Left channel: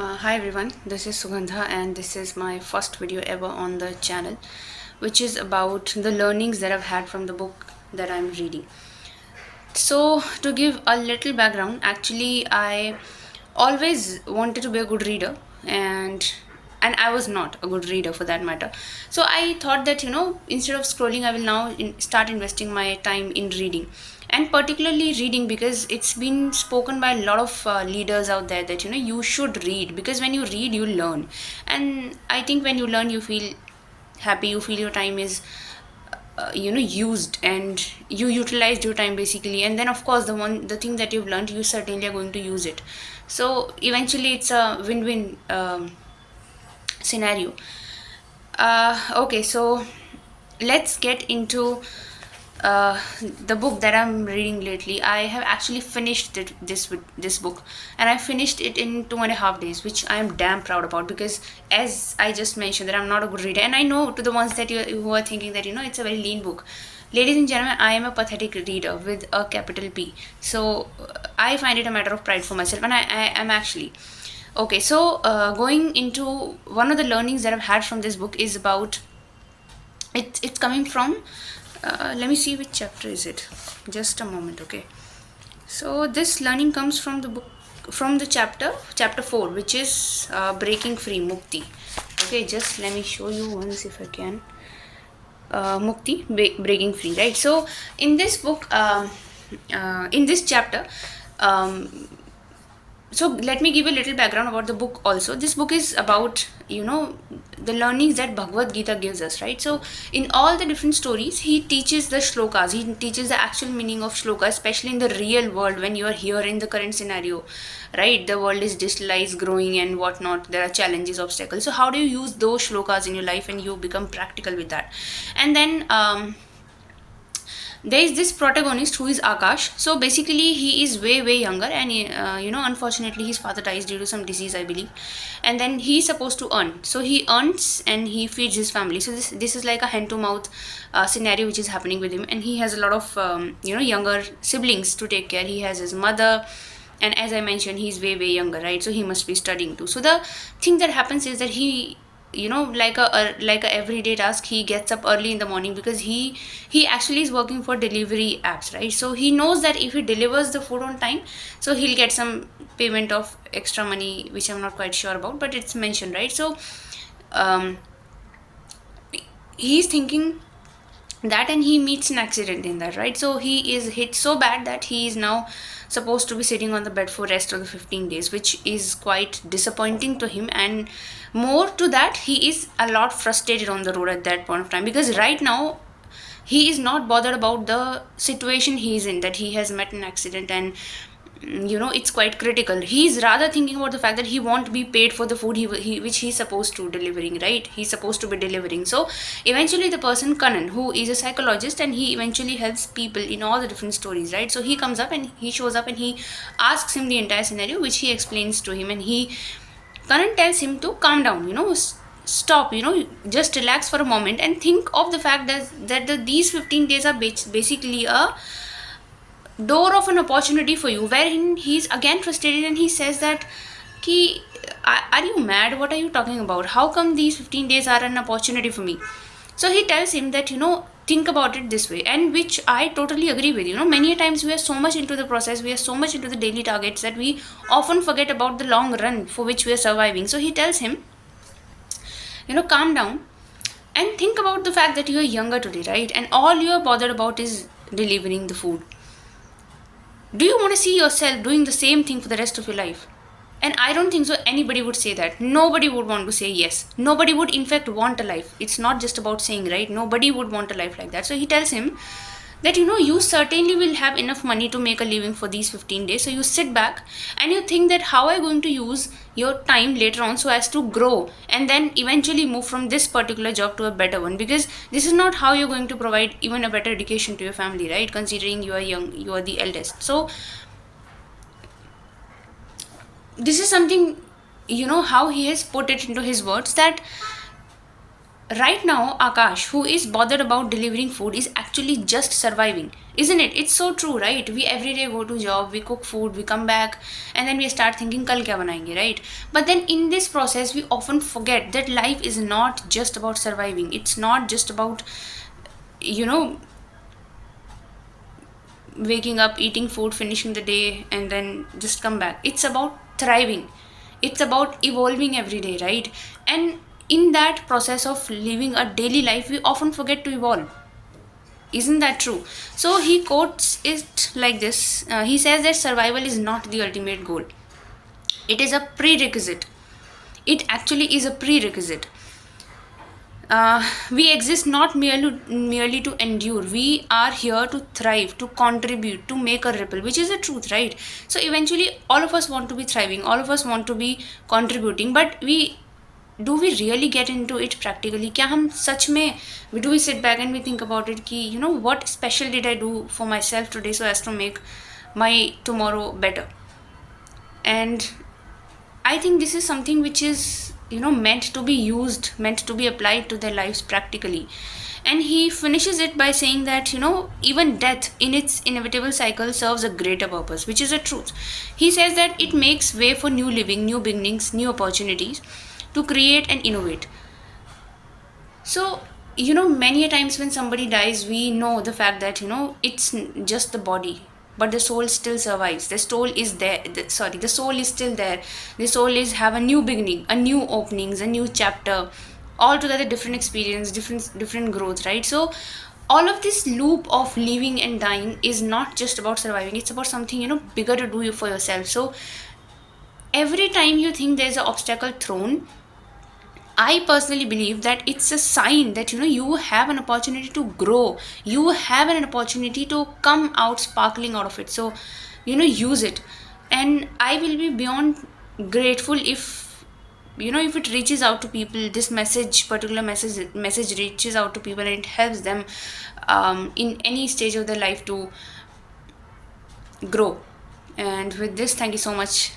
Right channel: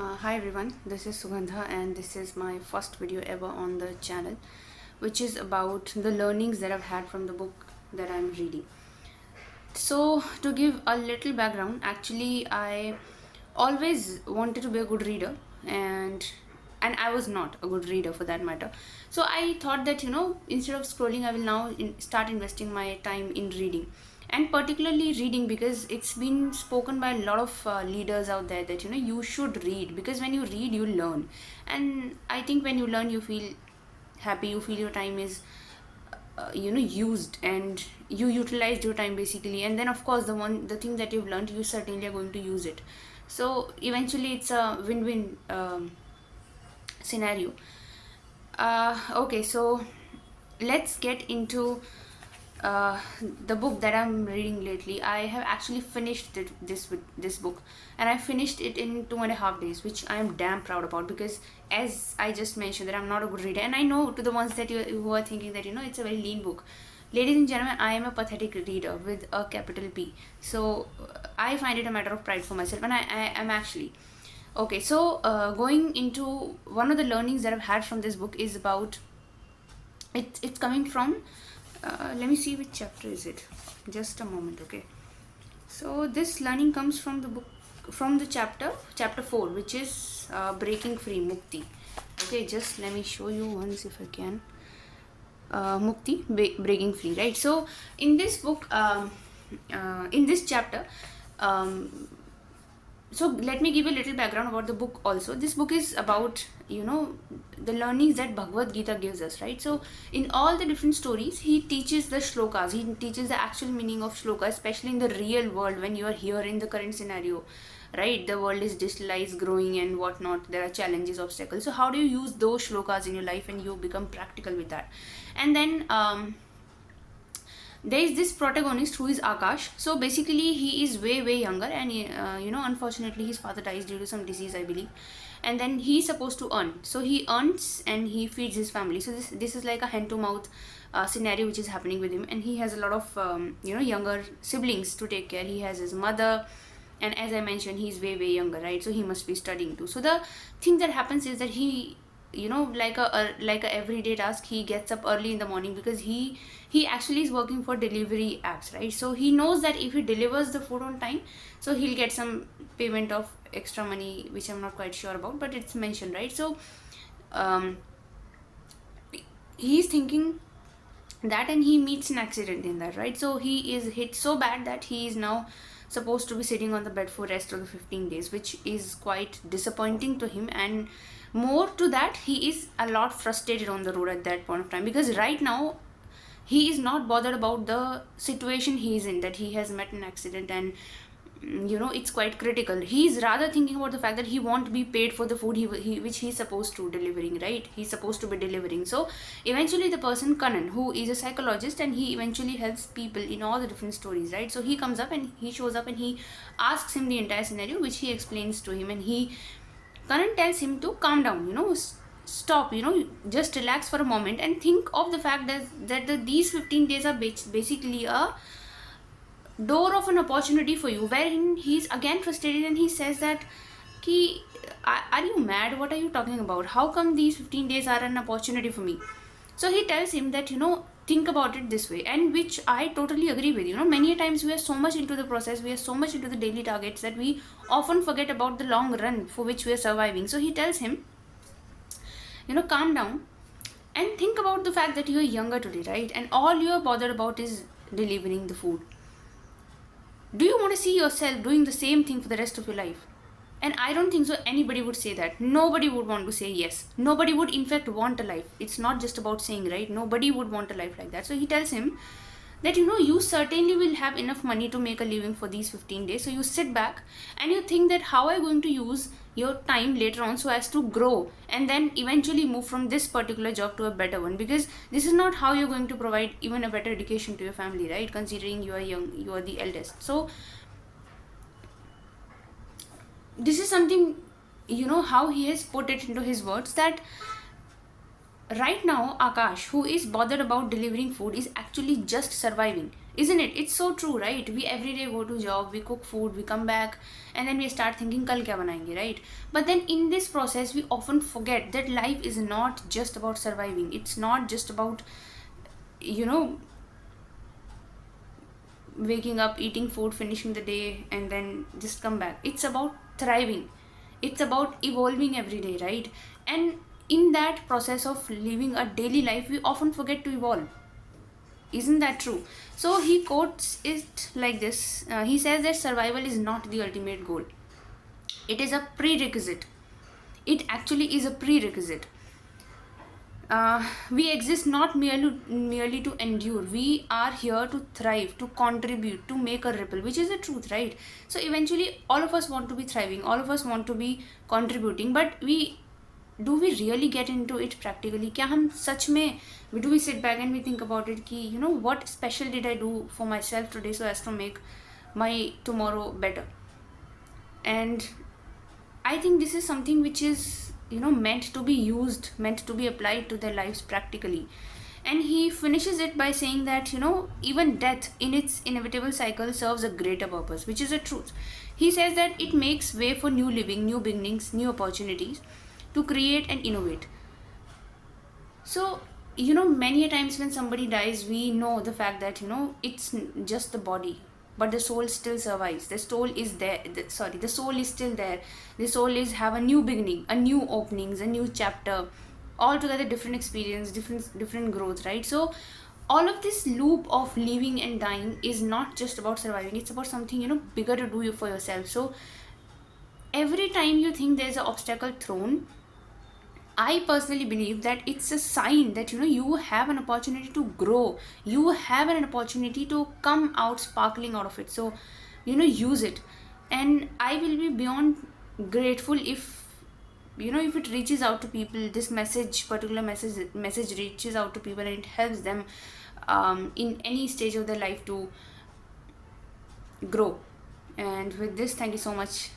Hi everyone, this is Sugandha and this is my first video ever on the channel, which is about the learnings that I've had from the book that I'm reading. So, to give a little background, actually, I always wanted to be a good reader, and I was not a good reader for that matter. So I thought that instead of scrolling, I will now start investing my time in reading, and particularly reading because it's been spoken by a lot of leaders out there that you should read, because when you read you learn, and I think when you learn you feel happy, you feel your time is used, and you utilized your time basically, and then of course the thing that you've learned, you certainly are going to use it. So eventually it's a win-win scenario. Okay, so let's get into uh, the book that I'm reading lately. I have actually finished this book, and I finished it in 2.5 days, which I am damn proud about, because as I just mentioned that I'm not a good reader, and I know to the ones that who are thinking that it's a very lean book. Ladies and gentlemen, I am a pathetic reader with a capital P. So I find it a matter of pride for myself, and I am actually. Okay, so going into one of the learnings that I've had from this book is about it's coming from let me see which chapter is it. Just a moment, okay. So this learning comes from the book, from the chapter 4, which is breaking free, mukti. Okay, just let me show you once if I can. Mukti, breaking free, right? So in this book, in this chapter, um, so let me give a little background about the book also. This book is about the learnings that Bhagavad Gita gives us, right? So in all the different stories, he teaches the shlokas, he teaches the actual meaning of shloka, especially in the real world when you are here in the current scenario, right? The world is digitalized, growing and whatnot, there are challenges, obstacles. So how do you use those shlokas in your life and you become practical with that? And then there is this protagonist who is Akash. So basically he is way younger, and unfortunately his father dies due to some disease, I believe, and then he is supposed to earn. So he earns and he feeds his family. So this is like a hand to mouth scenario which is happening with him, and he has a lot of younger siblings to take care. He has his mother, and as I mentioned, he's way younger, right? So he must be studying too. So the thing that happens is that he, like a everyday task, he gets up early in the morning, because he actually is working for delivery apps, right? So he knows that if he delivers the food on time, so he'll get some payment of extra money, which I'm not quite sure about, but it's mentioned, right? So um he's thinking that, and he meets an accident in that, right? So he is hit so bad that he is now supposed to be sitting on the bed for rest of the 15 days, which is quite disappointing to him. And more to that, he is a lot frustrated on the road at that point of time, because right now he is not bothered about the situation he is in, that he has met an accident, and it's quite critical. He's rather thinking about the fact that he won't be paid for the food which he's supposed to delivering, right? He's supposed to be delivering. So eventually the person Kanan, who is a psychologist, and he eventually helps people in all the different stories, right? So he comes up and he shows up and he asks him the entire scenario, which he explains to him, and Kanan tells him to calm down, stop, just relax for a moment and think of the fact that these 15 days are basically a door of an opportunity for you, wherein he's again frustrated and he says that, ki, are you mad? What are you talking about? How come these 15 days are an opportunity for me? So he tells him that, think about it this way, and which I totally agree with. Many times we are so much into the process, we are so much into the daily targets, that we often forget about the long run for which we are surviving. So he tells him, calm down and think about the fact that you are younger today, right? And all you are bothered about is delivering the food. Do you want to see yourself doing the same thing for the rest of your life? And I don't think so anybody would say that. Nobody would want to say yes. Nobody would in fact want a life. It's not just about saying, right? Nobody would want a life like that. So he tells him that, you certainly will have enough money to make a living for these 15 days. So you sit back and you think that, how are you going to use your time later on so as to grow and then eventually move from this particular job to a better one, because this is not how you're going to provide even a better education to your family, right? Considering you are young, you are the eldest. So this is something, how he has put it into his words, that right now Akash, who is bothered about delivering food, is actually just surviving. isn't it? It's so true, right? We every day go to job, we cook food, we come back, and then we start thinking kal kya banayenge, right? But then in this process we often forget that life is not just about surviving. It's not just about, you know, waking up, eating food, finishing the day, and then just come back. It's about thriving. It's about evolving every day, right? And in that process of living a daily life, we often forget to evolve. Isn't that true? So he quotes it like this. He says that survival is not the ultimate goal. It is a prerequisite. It actually is a prerequisite. We exist not merely to endure. We are here to thrive, to contribute, to make a ripple, which is the truth, right? So eventually all of us want to be thriving, all of us want to be contributing, but we do we really get into it practically? क्या हम सच में do we sit back and we think about it कि you know what special did I do for myself today so as to make my tomorrow better? And I think this is something which is, you know, meant to be used, meant to be applied to their lives practically. And he finishes it by saying that, you know, even death in its inevitable cycle serves a greater purpose, which is a truth. He says that it makes way for new living, new beginnings, new opportunities to create and innovate. So, you know, many a times when somebody dies, we know the fact that, you know, it's just the body, but the soul still survives. The soul is there. The soul is still there. The soul is have a new beginning, a new openings, a new chapter, altogether different experience, different growth, right? So, all of this loop of living and dying is not just about surviving. It's about something, you know, bigger to do for yourself. So, every time you think there's an obstacle thrown, I personally believe that it's a sign that, you know, you have an opportunity to grow. You have an opportunity to come out sparkling out of it. So, you know, use it. And I will be beyond grateful if, you know, if it reaches out to people, this particular message reaches out to people and it helps them in any stage of their life to grow. And with this, thank you so much.